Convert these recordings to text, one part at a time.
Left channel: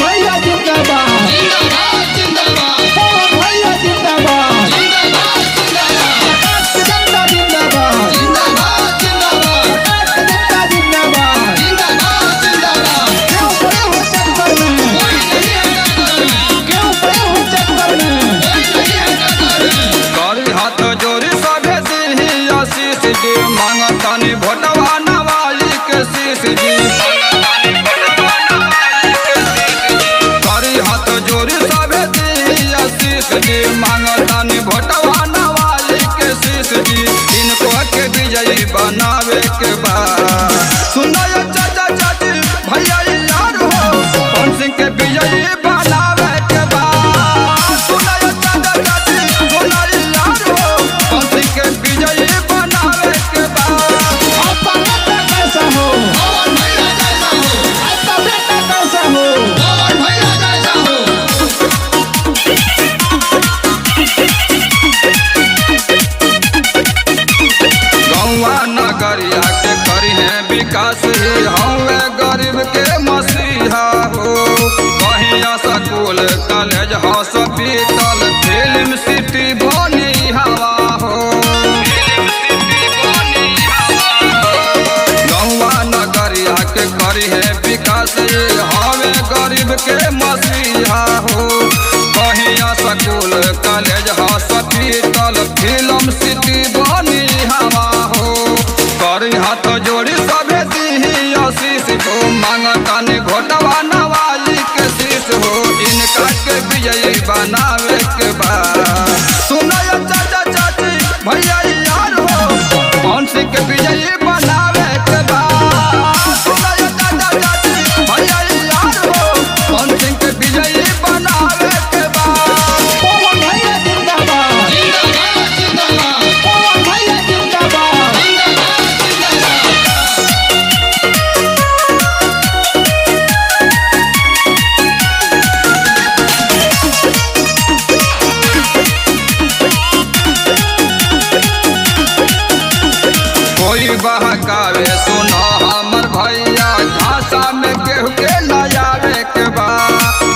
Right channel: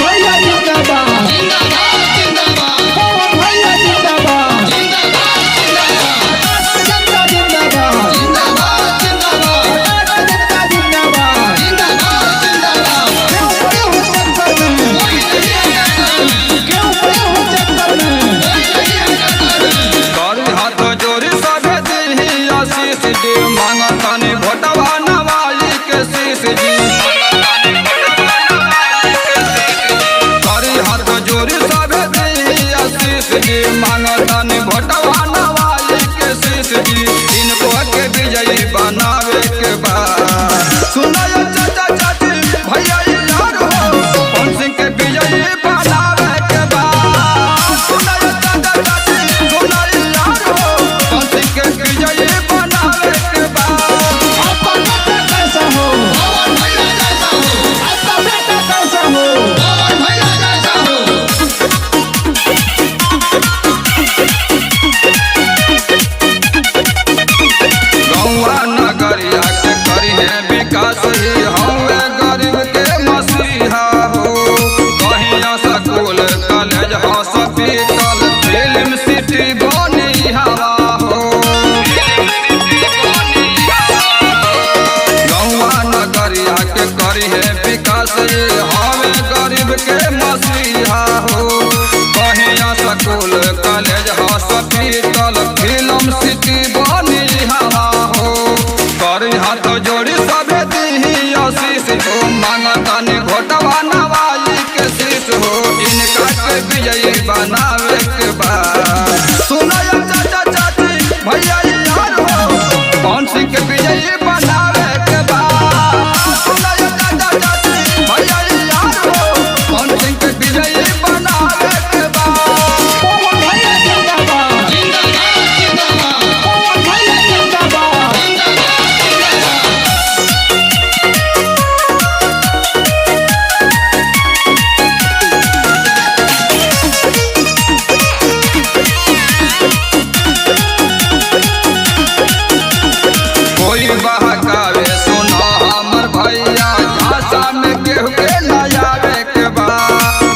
भैया जिंदाबाद जिंदाबाद जिंदाबाद पवन भैया जिंदाबाद जिंदाबाद जिंदाबाद प्रकाश का जनता जिंदाबाद जिंदाबाद जिंदाबाद प्रकाश का जनता जिंदाबाद जिंदाबाद जिंदाबाद क्यों पड़े हो चक्कर में कोई नहीं है टक्कर में क्यों पड़े हो चक्कर में कोई नहीं है टक्कर में करी हाथ जोड़ी सभे दी आशीष जी मांगतानी भोटवा नवाली के शीश जी करी हाथ जोड़ी सभे दी आशीष जी मांगतानी भोटवा नवाली के शीश जी इनको के विजयी बनावे के बाद सुनाय चाचा चाची भैया यार हो पवन सिंह के विजयी बनावे के बाद सुनाय चाचा चाची सुनाय यार हो पवन सिंह के विजयी बनावे के बाद आपका नेता कैसा हो पवन भैया जैसा हो आपका बेटा कैसा हो पवन भैया जैसा हो गौवा नगरिया के करी है विकास ही हवे गरीब के मसीहा हो कहीं school college hospital film city बनी हवा हो गौवा नगरिया के करी है विकास ही हवे गरीब के मसीहा हो कहीं school college hospital film city बनी हवा हो करी हाथ जोड़ी सभे दी आशीष हो मांगतानी घोटवा नवाली के शीश हो इनका के विजयी बनावे के बाद सुनाय चाचा चाची भैया यार हो पवन सिंह के विजयी बनावे के बाद सुनाय चाचा चाची भैया यार हो पवन सिंह के विजयी बनावे के बाद पवन भैया जिंदाबाद जिंदाबाद जिंदाबाद पवन भैया जिंदाबाद जिंदाबाद जिंदाबाद कोई बहकावे सुनो हमर भैया झांसा में केहू के नयावे के बा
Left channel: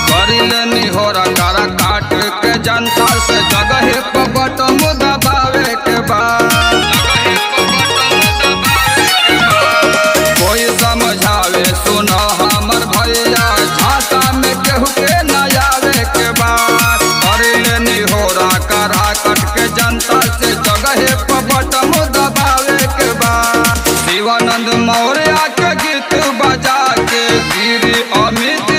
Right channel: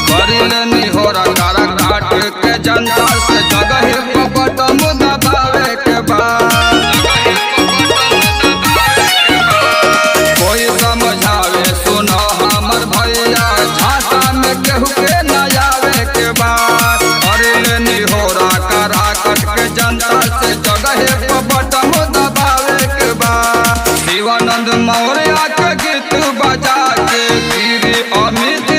करिल निहोरा कारा काट के जनता से जगह पर बटम दबावे के बा कोई समझावे सुनो हमर भैया झांसा में केहू के नयावे के बा करिल निहोरा कारा कट के जनता से जगह पर बटम दबावे के बा शिवानंद मौर्य के गीत बजा के गिरी अमित